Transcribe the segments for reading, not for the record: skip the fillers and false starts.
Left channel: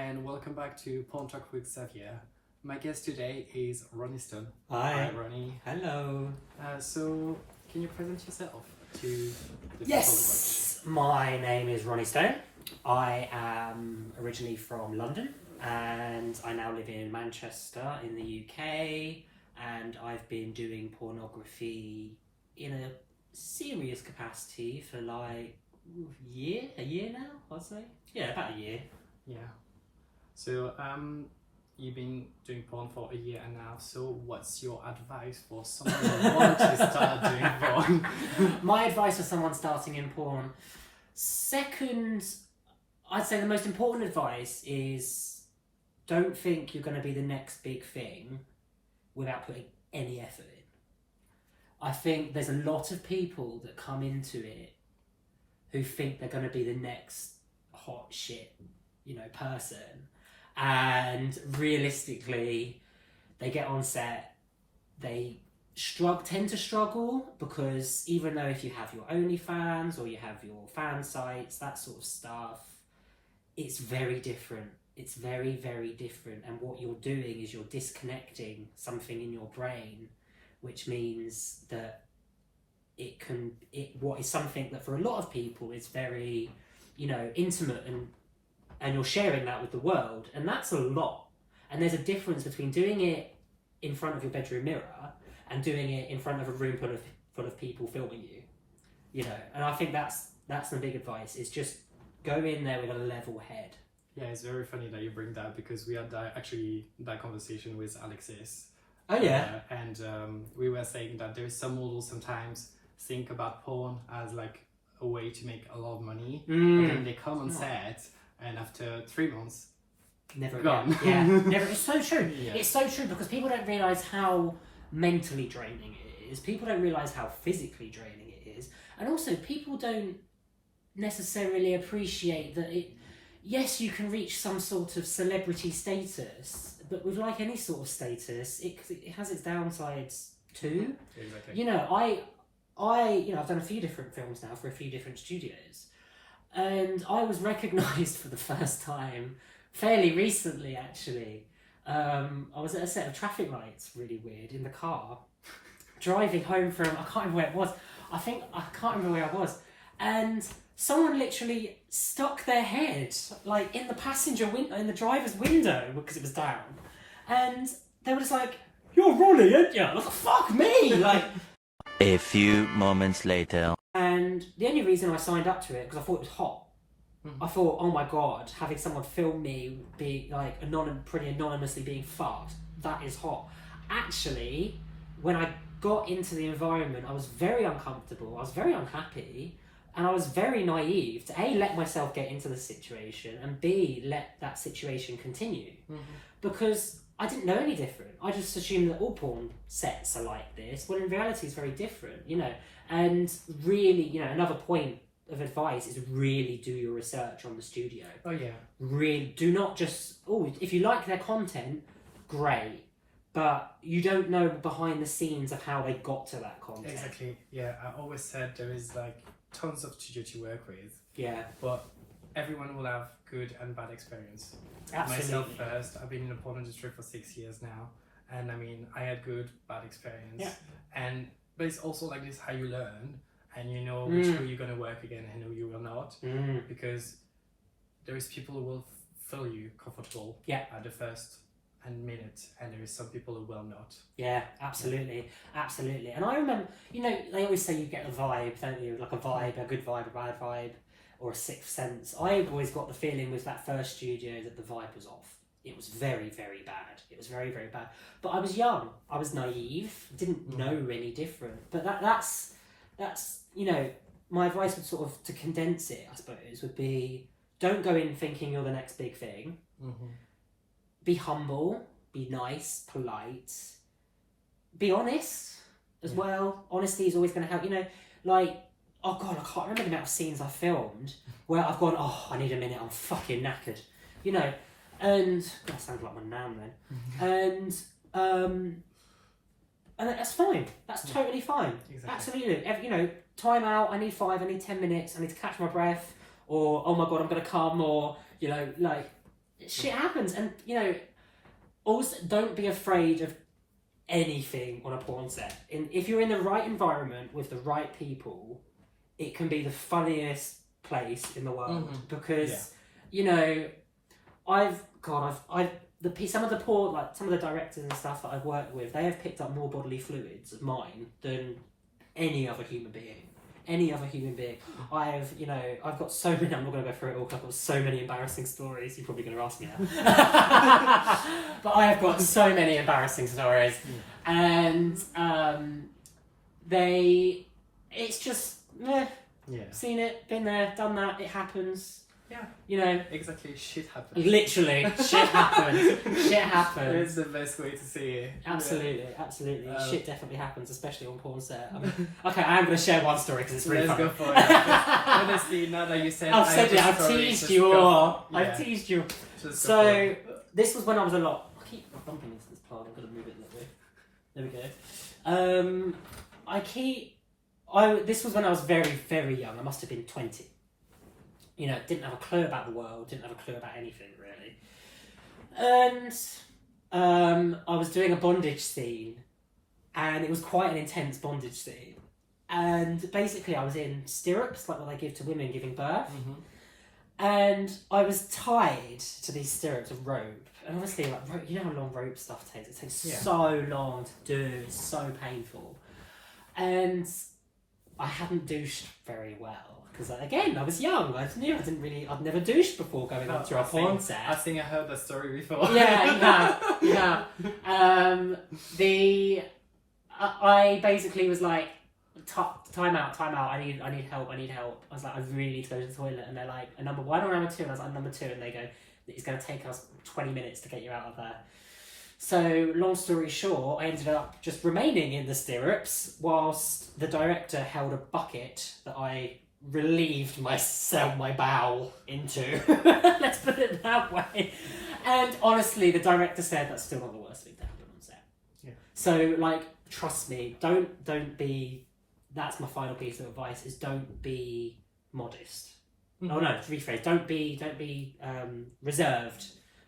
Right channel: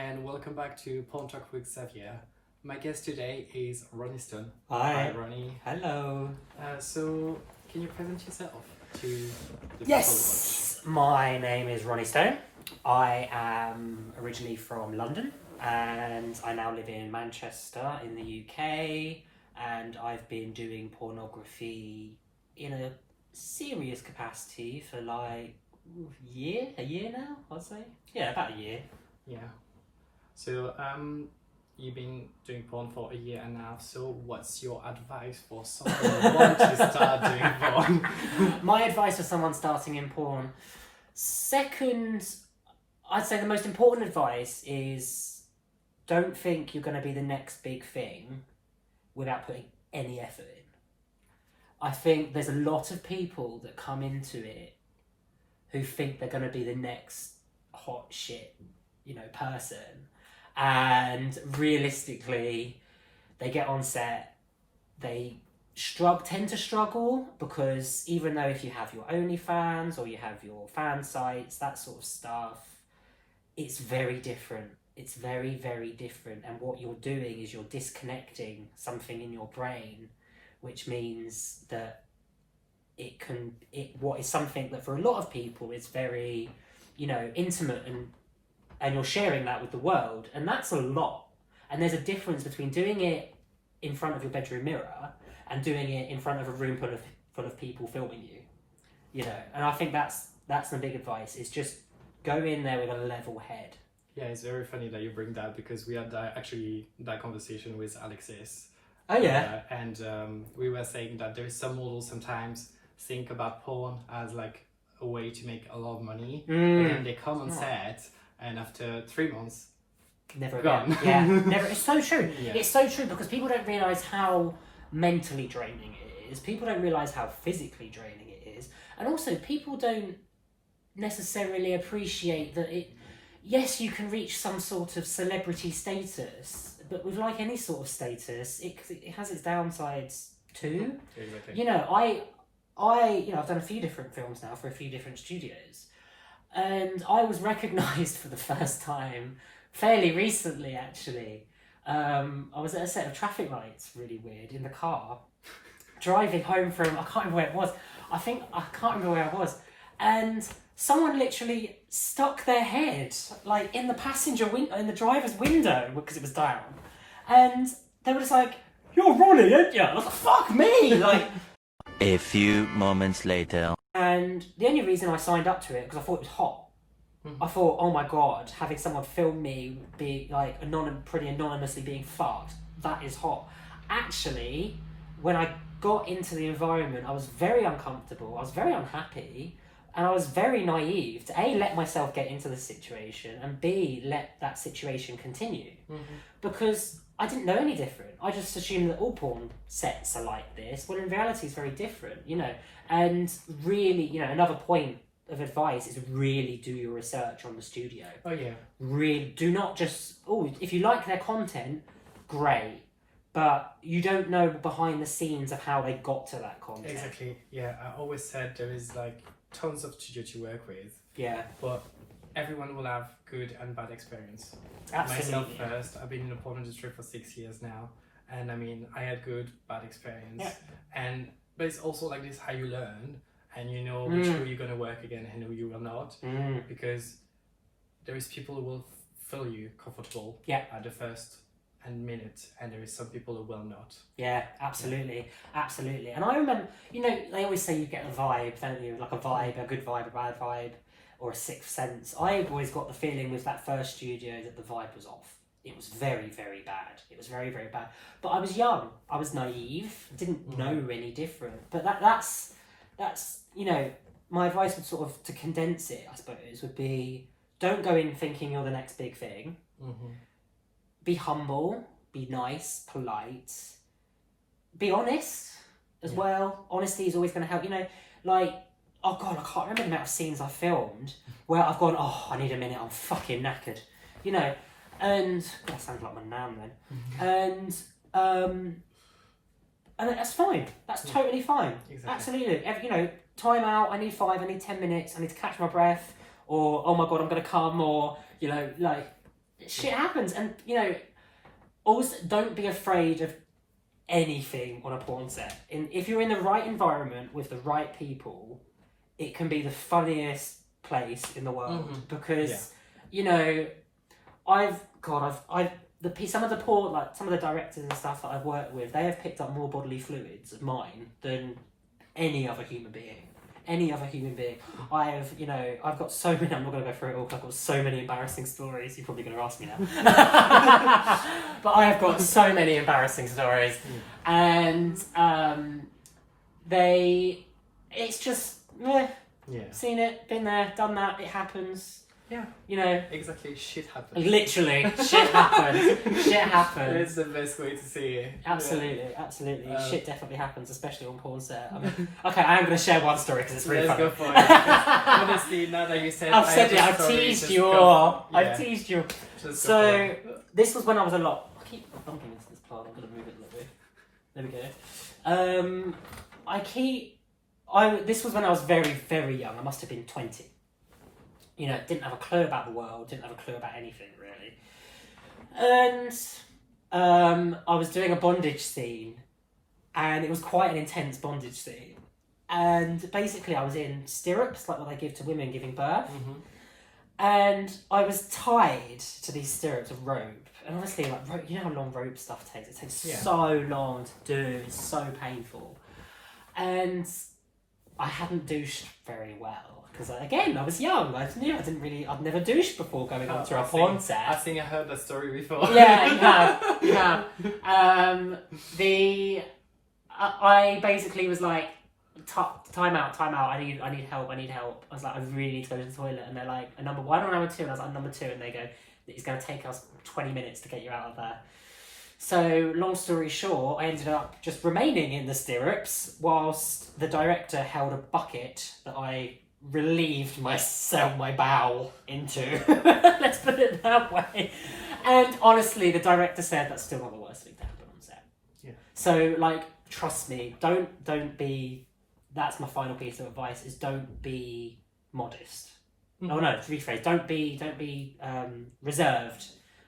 and welcome back to Porn Talk with Xavier. My guest today is Ronnie Stone. Hi. Ronnie. Hello. So, can you present yourself to the Yes, my name is Ronnie Stone. I am originally from London and I now live in Manchester in the UK, and I've been doing pornography in a serious capacity for like a year now, I'd say. Yeah, about a year. Yeah. So, you've been doing porn for a year and a half, so what's your advice for someone who wants to start doing porn? My advice for someone starting in porn, I'd say the most important advice is don't think you're going to be the next big thing without putting any effort in. I think there's a lot of people that come into it who think they're going to be the next hot shit, person. And realistically, they get on set, they tend to struggle because even though if you have your OnlyFans or you have your fan sites, that sort of stuff, it's very different. It's very, very different. And what you're doing is you're disconnecting something in your brain, which means that what is something that for a lot of people is very, intimate and you're sharing that with the world, and that's a lot. And there's a difference between doing it in front of your bedroom mirror and doing it in front of a room full of people filming you. And I think that's the big advice, is just go in there with a level head. Yeah, it's very funny that you bring that because we had that conversation with Alexis. Oh yeah. And we were saying that there is some models sometimes think about porn as like a way to make a lot of money, and then they come on set and after 3 months, never gone. Again. Yeah, never. It's so true. Yeah. It's so true because people don't realise how mentally draining it is. People don't realise how physically draining it is, and also people don't necessarily appreciate that yes, you can reach some sort of celebrity status, but with like any sort of status, it has its downsides too. Exactly. I've done a few different films now for a few different studios, and I was recognised for the first time fairly recently, actually. I was at a set of traffic lights, really weird, in the car, driving home from, I can't remember where it was. I can't remember where I was. And someone literally stuck their head, like, in the in the driver's window, because it was down. And they were just like, "You're Ronnie, aren't you?" And I was like, "Fuck me!" Like... A few moments later. And the only reason I signed up to it, because I thought it was hot. I thought, oh my god, having someone film me be like pretty anonymously being fucked, that is hot. Actually, when I got into the environment, I was very uncomfortable, I was very unhappy, and I was very naive to A, let myself get into the situation, and B, let that situation continue. Because I didn't know any different. I just assumed that all porn sets are like this. Well, in reality, it's very different, And really, another point of advice is really do your research on the studio. Oh yeah. Really, do not just, if you like their content, great. But you don't know behind the scenes of how they got to that content. Exactly. Yeah, I always said there is like tons of studio to work with. Yeah. But everyone will have good and bad experience. Absolutely. Myself first, I've been in the porn industry for 6 years now, and I mean, I had good, bad experience. Yeah. But it's also like this how you learn, and you know which who you're gonna work again and who you will not, because there is people who will feel you comfortable at the first minute, and there is some people who will not. Yeah, absolutely. Absolutely. And I remember, they always say you get a vibe, don't you? Like a vibe, a good vibe, a bad vibe, or a sixth sense. I always got the feeling with that first studio that the vibe was off. It was very, very bad. It was very, very bad. But I was young. I was naive. Didn't know any different. But that's my advice would sort of, to condense it, I suppose, would be don't go in thinking you're the next big thing. Be humble. Be nice, polite. Be honest as well. Honesty is always going to help. Oh God, I can't remember the amount of scenes I filmed where I've gone, I need a minute, I'm fucking knackered. And God, that sounds like my nan then. And that's fine. That's totally fine. Exactly. Absolutely. Time out, I need 10 minutes, I need to catch my breath, or oh my God, I'm going to come, or, shit happens, and also don't be afraid of anything on a porn set. If you're in the right environment with the right people, it can be the funniest place in the world because some of the porn, like some of the directors and stuff that I've worked with, they have picked up more bodily fluids of mine than any other human being. I've got so many, I'm not going to go through it all because I've got so many embarrassing stories. You're probably going to ask me that. But I have got so many embarrassing stories. And it's just, seen it, been there, done that, it happens. Yeah. Exactly, shit happens. Literally, shit happens. Shit happens. It's the best way to see it. Absolutely. Shit definitely happens, especially on porn set. Okay, I am going to share one story because it's really funny. Let's go for it. Honestly, now that you said I've teased you all. I've teased you. So, this was when I was a lot... I keep bumping into this plant. I'm going to move it a little bit. There we go. This was when I was very, very young. I must have been 20. Didn't have a clue about the world, didn't have a clue about anything really. And I was doing a bondage scene, and it was quite an intense bondage scene. And basically I was in stirrups, like what they give to women giving birth. And I was tied to these stirrups of rope. And obviously, like, rope, you know how long rope stuff takes? It takes so long to do, it's so painful. And I hadn't douched very well. Because again, I was young. I'd never douched before going up to a porn set. I think I heard that story before. Yeah, you have. I basically was like, time out. I need help. I was like, I really need to go to the toilet. And they're like, number 1 or number 2? And I was like, number 2. And they go, it's going to take us 20 minutes to get you out of there. So, long story short, I ended up just remaining in the stirrups whilst the director held a bucket that I relieved my bowel into. Let's put it that way. And honestly, the director said that's still not the worst thing to happen on set. Yeah. So, like, trust me, don't be... That's my final piece of advice, is don't be modest. Oh no, to rephrase, don't be reserved.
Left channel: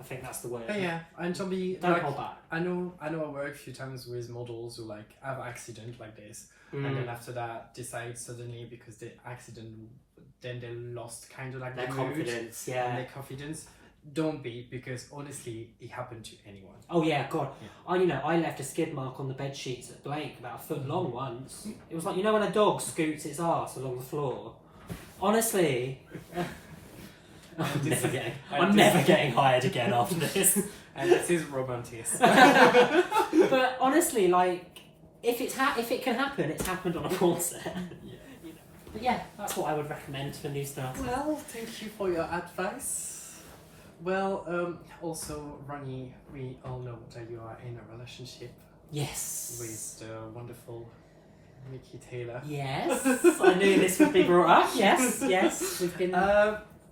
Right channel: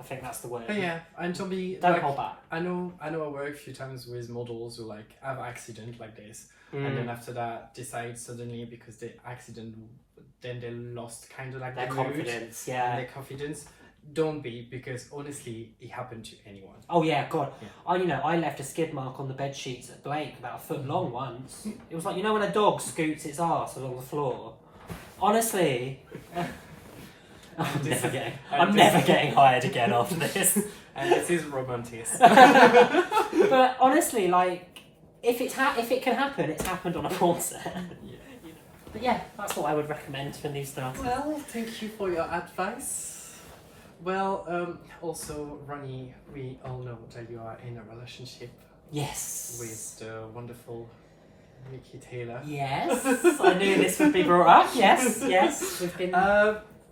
I think that's the word. But yeah, and don't hold back. I know I work a few times with models who like have accident like this, and then after that decide suddenly because they accident, then they lost kind of like their confidence. And their confidence. Don't be, because honestly, it happened to anyone. Oh yeah, God. Yeah. I left a skid mark on the bed sheets at Blake about a foot long once. It was like, when a dog scoots its arse along the floor. Honestly. I'm never getting hired again after this. And this is romantic. But honestly, like, if it can happen, it's happened on a porn set. Yeah. But yeah, that's what I would recommend for new stuff. Well, thank you for your advice. Well, also, Ronnie, we all know that you are in a relationship. Yes. With the wonderful Mickey Taylor. Yes. I knew this would be brought up. Yes. We've been...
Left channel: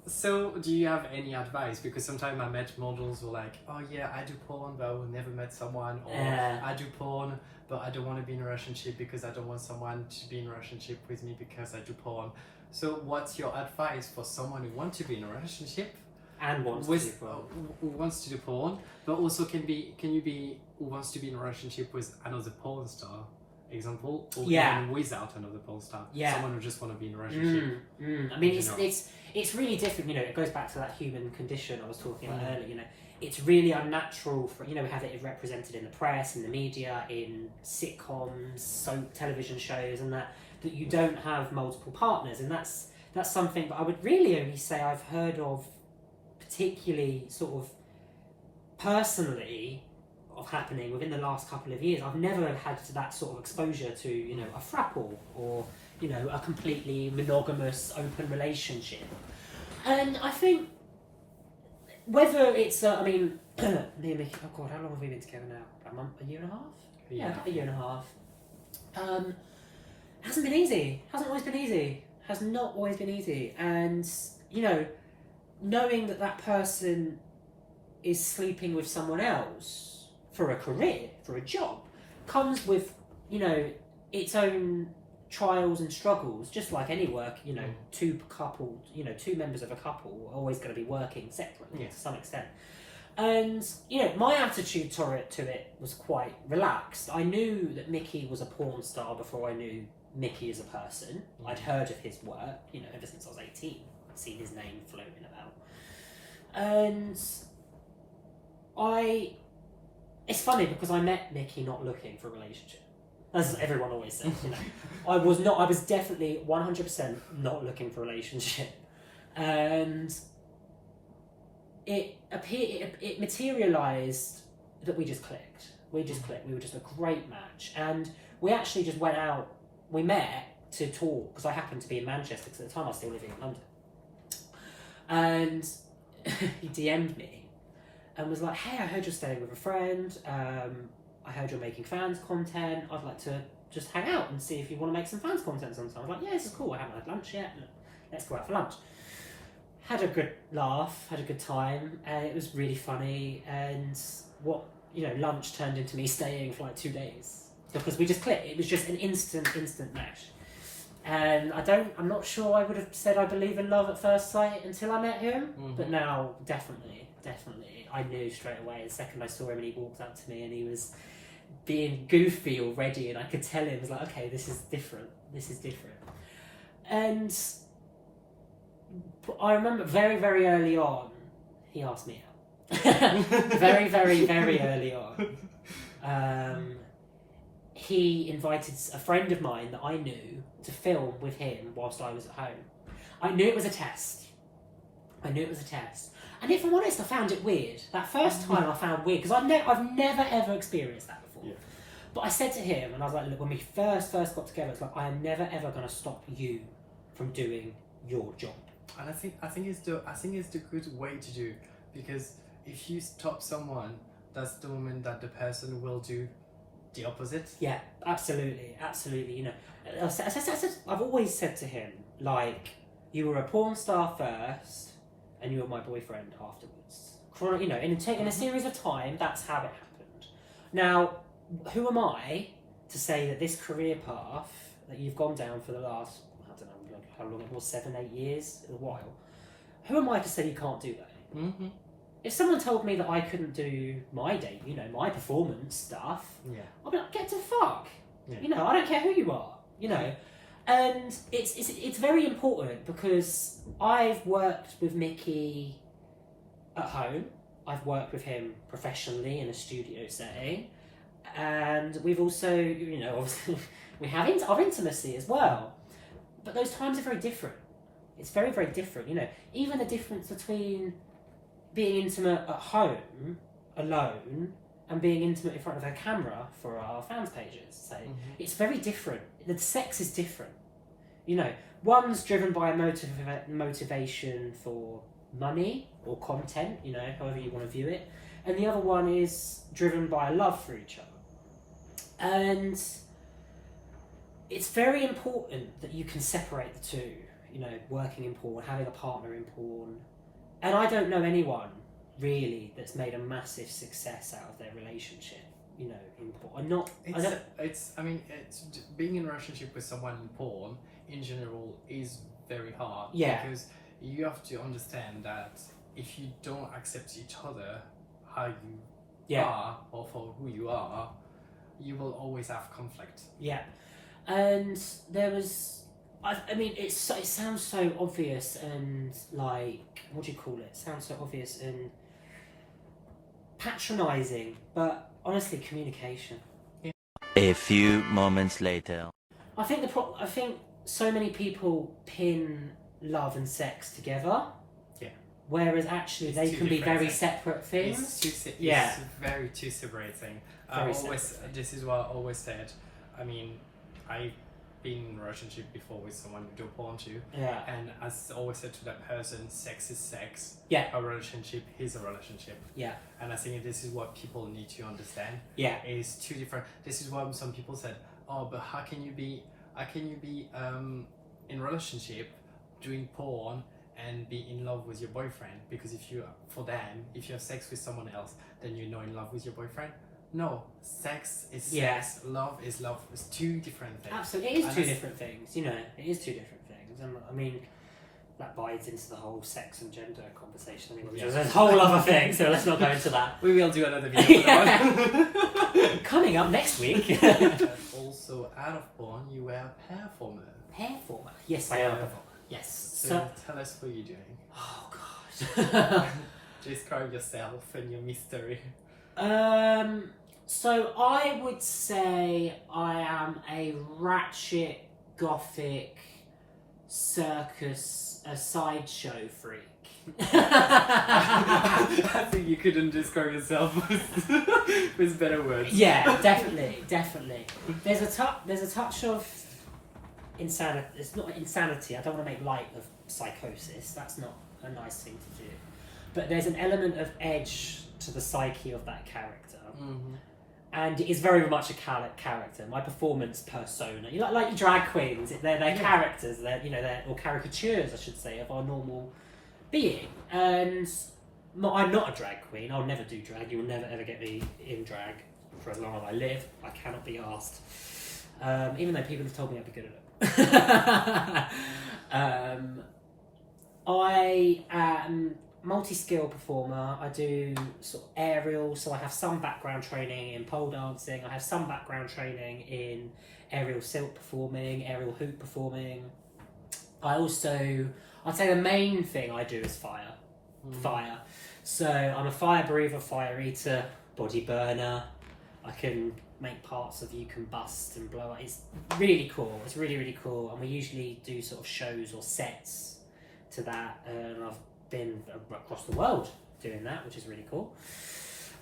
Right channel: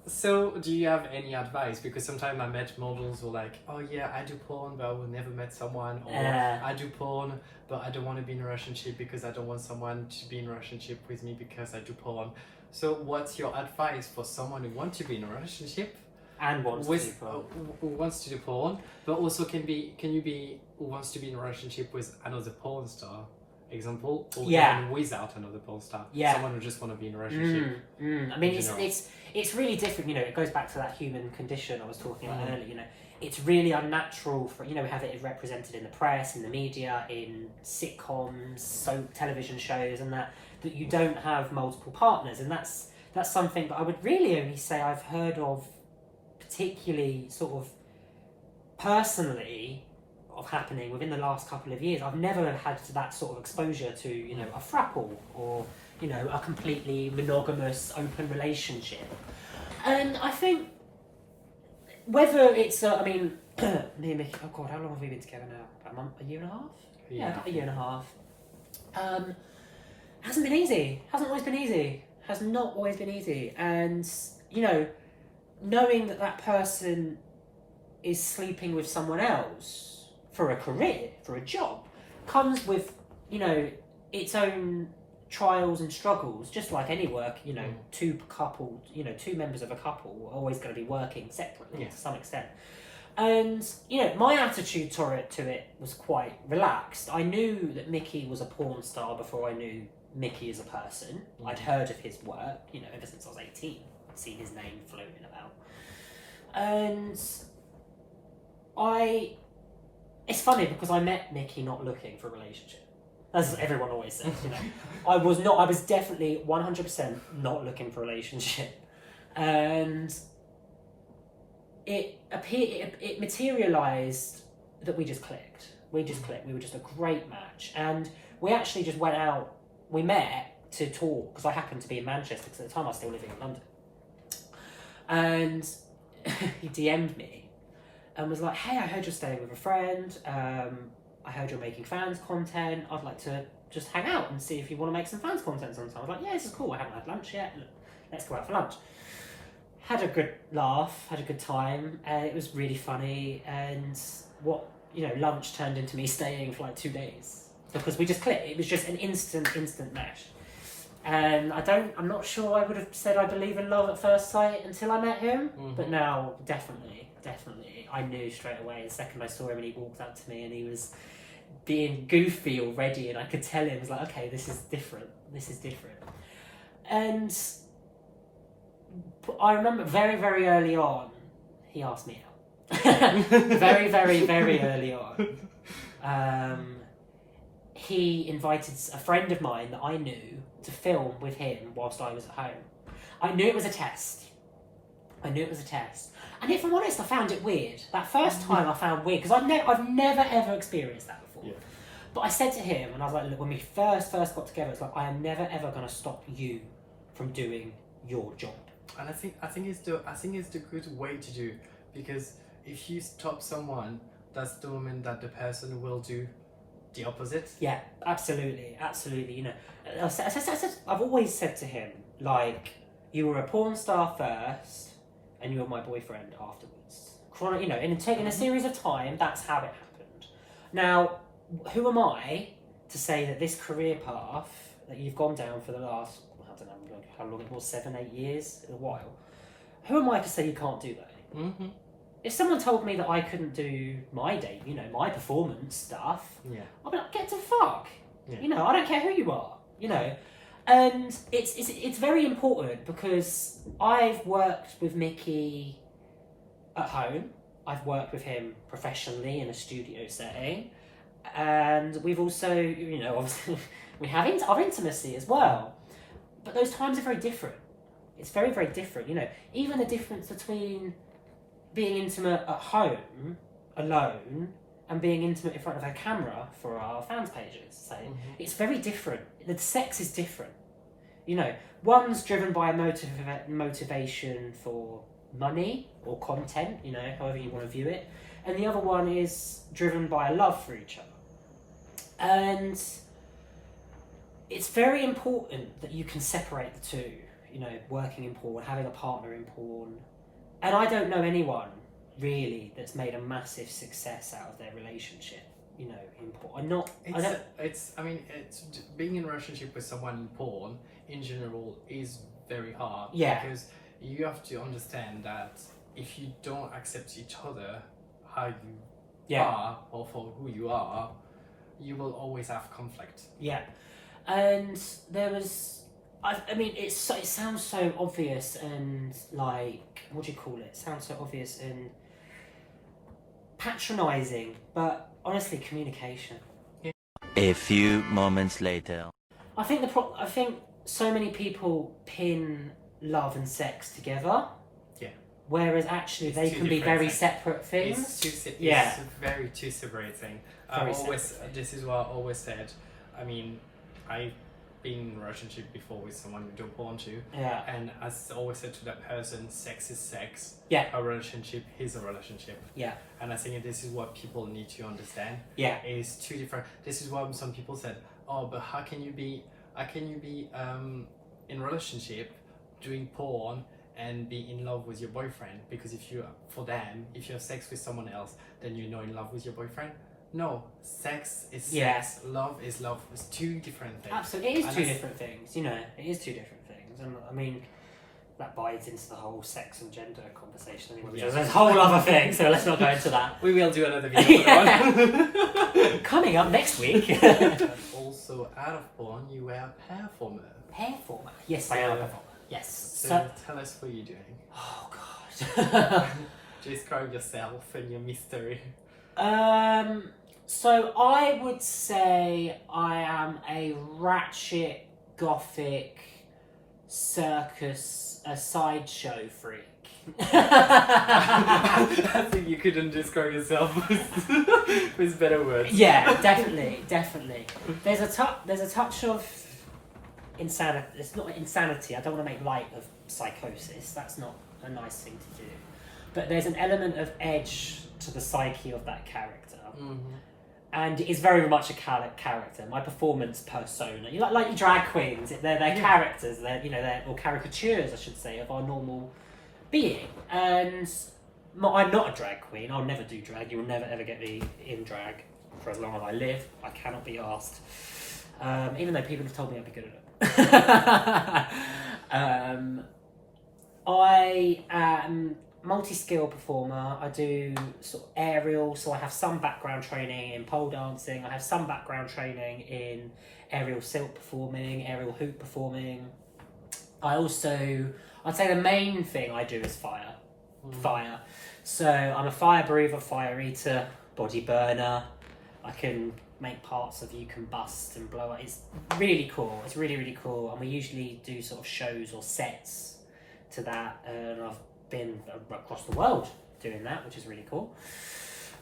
So, do you have any advice? Because sometimes I met models who are like, oh yeah, I do porn, but I will never met someone. Or I do porn, but I don't want to be in a relationship because I don't want someone to be in a relationship with me because I do porn. So, what's your advice for someone who wants to be in a relationship? And wants to do porn. Who wants to do porn, but also can you be who wants to be in a relationship with another porn star, example, or even without another porn star. Someone who just want to be in a relationship. I mean, it's really different. It goes back to that human condition I was talking about earlier. It's really unnatural for we have it represented in the press, in the media, in sitcoms, television shows, and that you don't have multiple partners, and that's something that I would really only say I've heard of. Particularly sort of personally of happening within the last couple of years. I've never had that sort of exposure to a throuple or a completely monogamous open relationship. And I think whether it's me and Mickey, oh God, how long have we been together now? About a month, a year and a half? Yeah, about a year and a half. Hasn't been easy. Hasn't always been easy. Has not always been easy. And knowing that person is sleeping with someone else for a career, for a job, comes with, its own trials and struggles, just like any work. You know, two members of a couple are always going to be working separately to some extent. And you know, my attitude to it was quite relaxed. I knew that Mickey was a porn star before I knew Mickey as a person. I'd heard of his work, you know, ever since I was 18. I'd seen his name floating about. And it's funny because I met Mickey not looking for a relationship. As everyone always says, you know. I was definitely 100% not looking for a relationship. And it materialised that we just clicked. We were just a great match. And we actually just went out, we met to talk, because I happened to be in Manchester, because at the time I was still living in London. And he DM'd me and was like, hey, I heard you're staying with a friend. I heard you're making fans content. I'd like to just hang out and see if you want to make some fans content sometime. I was like, yeah, this is cool. I haven't had lunch yet. Let's go out for lunch. Had a good laugh, had a good time, and it was really funny. And lunch turned into me staying for like 2 days because we just clicked. It was just an instant match. And I'm not sure I would have said I believe in love at first sight until I met him. But now, definitely, I knew straight away. The second I saw him and he walked up to me and he was being goofy already, and I could tell him, I was like, okay, this is different. And I remember very, very early on, he asked me out. Very, very, very early on. He invited a friend of mine that I knew to film with him whilst I was at home. I knew it was a test. And if I'm honest, I found it weird. That first time I found weird, because I've never ever experienced that before. Yeah. But I said to him, and I was like, look, when we first got together, it's like, I am never ever going to stop you from doing your job. And I think it's the good way to do, because if you stop someone, that's the moment that the person will do the opposite. Yeah, absolutely. You know, I've always said to him, like, you were a porn star first, and you were my boyfriend afterwards. You know, in a series of time, that's how it happened. Now, who am I to say that this career path that you've gone down for the last, I don't know how long it was, 7-8 years, a while. Who am I to say you can't do that? Mm-hmm. If someone told me that I couldn't do my day, you know, my performance stuff, I'd be like, get to fuck. Yeah. You know, I don't care who you are, you know. And it's very important because I've worked with Mickey at home. I've worked with him professionally in a studio setting. And we've also, you know, obviously we have our intimacy as well. But those times are very different. It's very, very different, you know. Even the difference between being intimate at home, alone, and being intimate in front of a camera for our fans pages, say, it's very different. The sex is different. You know, one's driven by a motivation for money or content, you know, however you want to view it, and the other one is driven by a love for each other. And it's very important that you can separate the two, you know, working in porn, having a partner in porn. And I don't know anyone, really, that's made a massive success out of their relationship, you know, in porn. Being in a relationship with someone in porn, in general, is very hard. Yeah. Because you have to understand that if you don't accept each other, how you are, or for who you are, you will always have conflict. Yeah. And there was... it sounds so obvious and, like, what do you call it? It sounds so obvious and patronising, but honestly, communication. A few moments later. I think so many people pin love and sex together. Yeah. Whereas actually they can be very separate things. It's very two separate things. This is what I always said. I mean, I've been in a relationship before with someone we do porn to. Yeah. And as I always said to that person, sex is sex. Yeah. A relationship is a relationship. Yeah. And I think this is what people need to understand. Yeah. It's two different. This is why some people said, oh, but how can you be in a relationship doing porn and be in love with your boyfriend? Because if you have sex with someone else, then you're not in love with your boyfriend. no, sex is sex, love is love. It's two different things. Absolutely, it is two different things. You know, it is two different things, and I mean that bites into the whole sex and gender conversation anyway. Which is a whole other thing. So let's not go into that. We will do another video. Coming up next week. And also, out of porn, you were a performer. Performer. Yes, I am a performer. Yes. So tell us what you're doing. Oh gosh. Describe yourself and your mystery. So I would say I am a ratchet, gothic, circus, a sideshow freak. I think you couldn't describe yourself with better words. Yeah, definitely. There's a touch of insanity. It's not insanity. I don't want to make light of psychosis. That's not a nice thing to do. But there's an element of edge to the psyche of that character. Mm-hmm. And it is very much a character. My performance persona, like your drag queens, they're characters. They're or caricatures, I should say, of our normal being. And I'm not a drag queen. I'll never do drag. You will never ever get me in drag for as long as I live. I cannot be asked. Even though people have told me I'd be good at it. I am multi-skill performer. I do sort of aerial, so I have some background training in pole dancing. I have some background training in aerial silk performing, aerial hoop performing. I'd say the main thing I do is fire. Fire. So I'm a fire breather, fire eater, body burner. I can make parts of you combust and blow up. It's really cool. It's really, really cool. And we usually do sort of shows or sets to that. And I've been across the world doing that, which is really cool.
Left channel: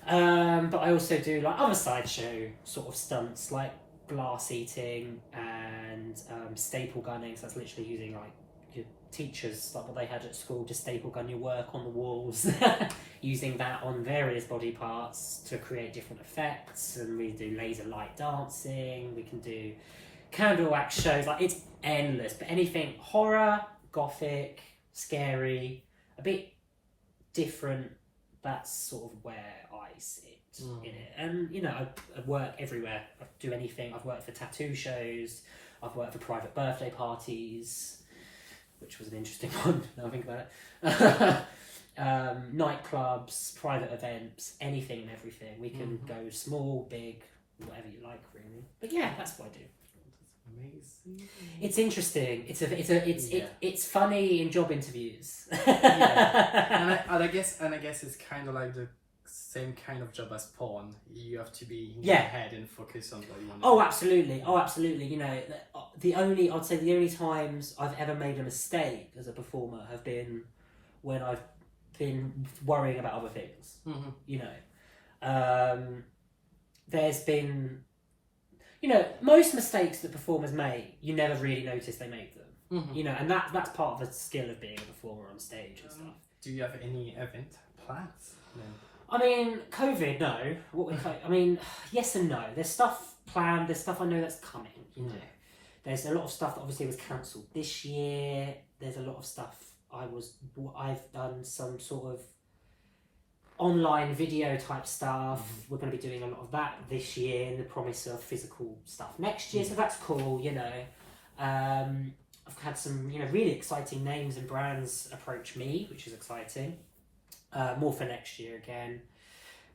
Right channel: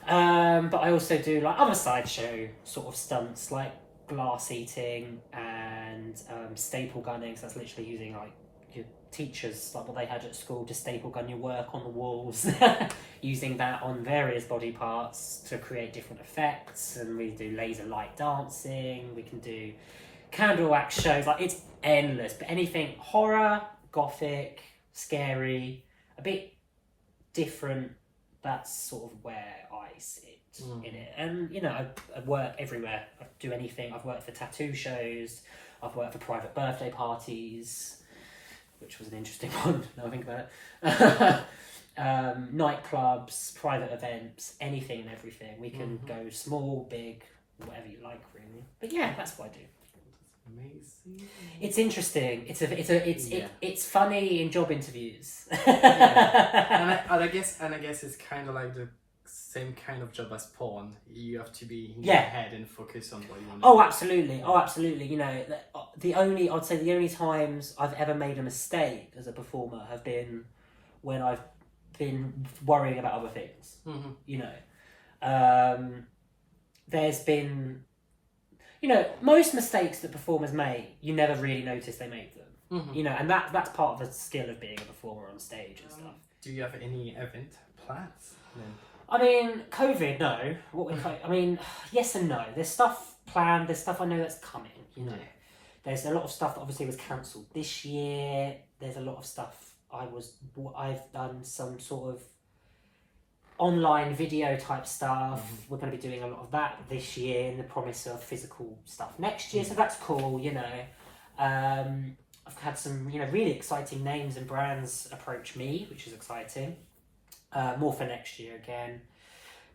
But I also do like other sideshow sort of stunts like glass eating and staple gunning. So that's literally using like your teachers, like what they had at school, to staple gun your work on the walls. Using that on various body parts to create different effects. And we do laser light dancing. We can do candle wax shows. Like it's endless. But anything horror, gothic, scary, a bit different, that's sort of where I sit in it. And I work everywhere. I do anything. I've worked for tattoo shows, I've worked for private birthday parties, which was an interesting one now I think about it. Nightclubs, private events, anything and everything. We can go small, big, whatever you like really. But yeah, that's what I do. Amazing. It's interesting. It's funny in job interviews. and I guess it's kind of like the same kind of job as porn. You have to be in your head and focus on what you want to do. Absolutely. The only times I've ever made a mistake as a performer have been when I've been worrying about other things. There's been, most mistakes that performers make, you never really notice they make them. And that's part of the skill of being a performer on stage and stuff. Do you have any event plans then? I mean, COVID, no. Yes and no. There's stuff planned. There's stuff I know that's coming. There's a lot of stuff that obviously was cancelled this year. There's a lot of stuff I've done some sort of online video type stuff. We're going to be doing a lot of that this year in the promise of physical stuff next year. So that's cool. I've had some really exciting names and brands approach me, which is exciting. More for next year again.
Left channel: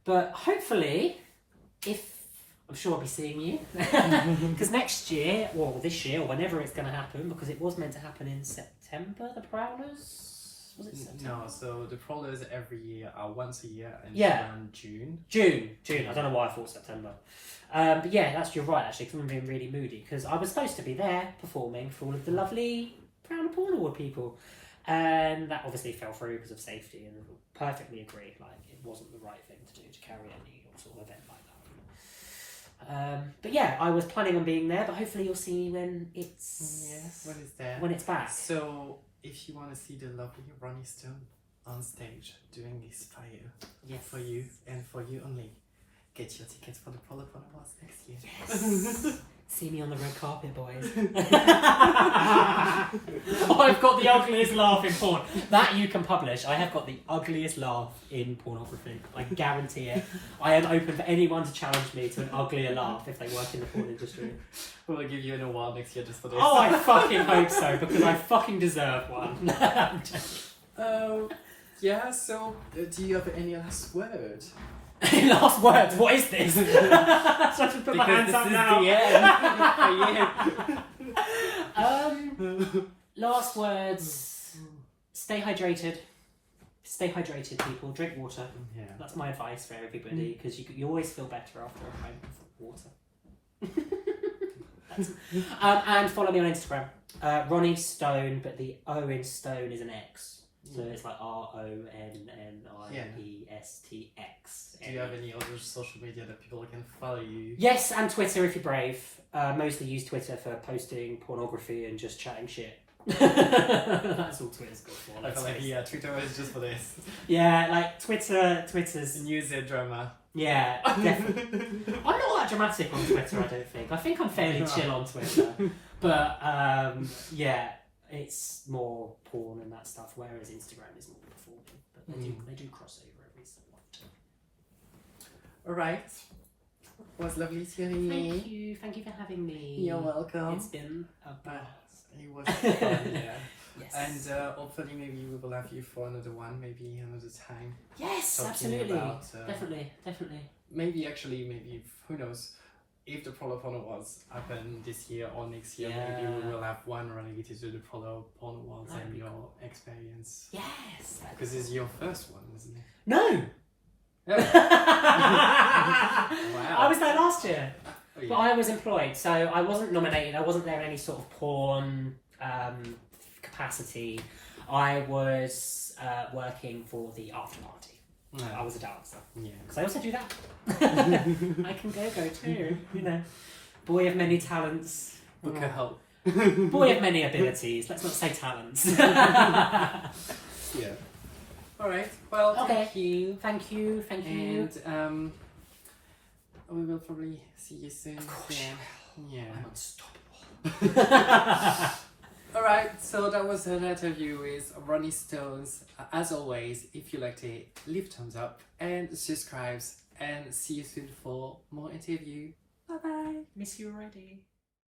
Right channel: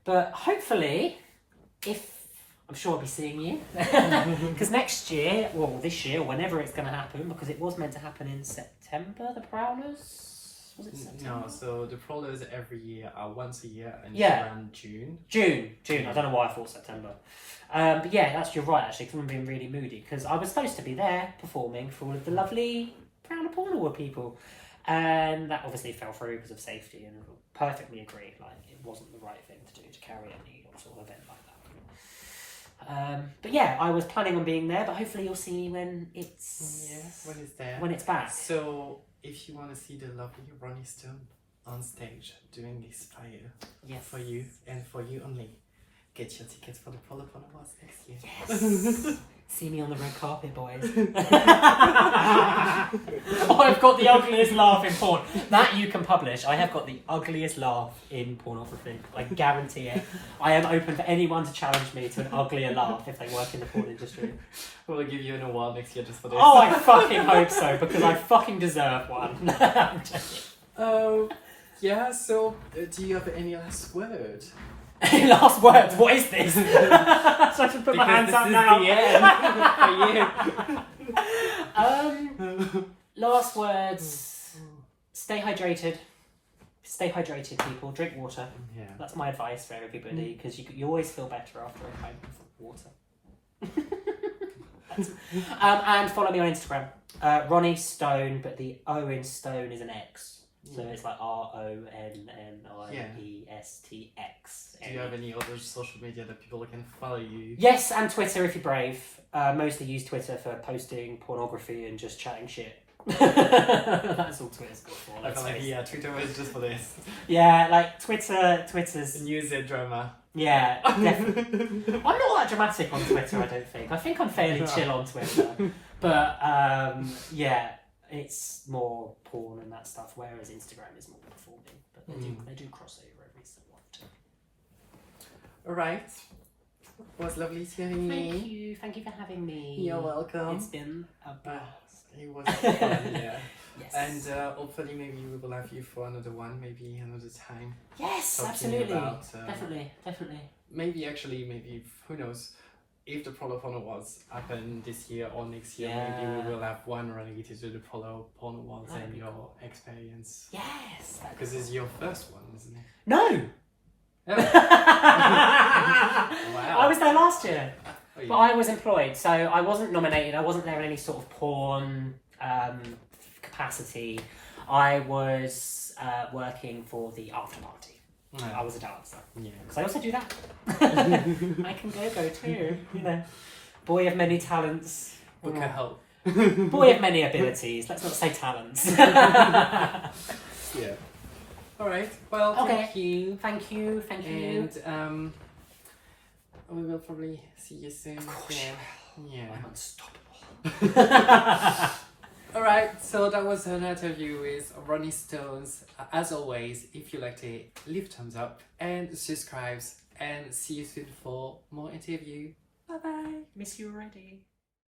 But hopefully, I'm sure I'll be seeing you. Because next year, this year, whenever it's going to happen, because it was meant to happen in September, the Prowlers? Was it September? No, so the Prowlers every year are once a year and around June. June. I don't know why I thought September. But yeah, you're right actually, because I'm being really moody. Because I was supposed to be there performing for all of the lovely Prowler Porn Award people. And that obviously fell through because of safety, and perfectly agree. Like, it wasn't the right thing to do to carry any sort of event like that. But yeah, I was planning on being there, but hopefully you'll see when it's there. When it's back. So if you want to see the lovely Ronnie Stone on stage doing this fire for you and for you only, get your tickets for the Polar Awards next year. Yes. See me on the red carpet, boys. Oh, I've got the ugliest laugh in porn. That you can publish. I have got the ugliest laugh in pornography. I guarantee it. I am open for anyone to challenge me to an uglier laugh if they work in the porn industry. We'll give you an award next year just for this. Oh, I fucking hope so, because I fucking deserve one. Yeah, so do you have any last word? Last words, what is this? So I should put my hands up now. The end. Last words. Stay hydrated. Stay hydrated, people. Drink water. Yeah. That's my advice for everybody, because you always feel better after a pint of water. And follow me on Instagram. Ronnie Stone, but the O in Stone is an X. So it's like RONNIESTX. Do you have any other social media that people can follow you? Yes, and Twitter if you're brave. Mostly use Twitter for posting pornography and just chatting shit. That's all Twitter's good for. I feel like, yeah, Twitter is just for this. Yeah, like Twitter's... Use it drama. Yeah, definitely. I'm not that dramatic on Twitter, I don't think. I think I'm fairly chill on Twitter. But, yeah, it's more porn and that stuff, whereas Instagram is more performing. But they do cross over every so often. Alright. It was lovely seeing me. Thank you for having me. You're welcome. It's been a blast. It was fun, yeah. Yes. And hopefully maybe we will have you for another one, maybe another time. Yes, Talking absolutely. about, Definitely. Maybe who knows, if the Polar Porn Awards happen this year or next year, maybe we will have one related to the Polar Porn Awards and your experience. Yes. Because it's your first one, isn't it? No! Oh. Wow. I was there last year. Oh, yeah. But I was employed, so I wasn't nominated. I wasn't there in any sort of porn capacity. I was working for the after party. No. I was a dancer. Yeah. Because I also do that. I can go too, you know. Boy of many talents. Book a help. Boy of many abilities. Let's not say talents. Yeah. Alright. Well, Okay. Thank you. And we will probably see you soon. Of course. Yeah. I'm unstoppable. Alright, so that was an interview with Ronnie Stones. As always, if you liked it, leave a thumbs up and subscribe. And see you soon for more interview. Bye bye. Miss you already.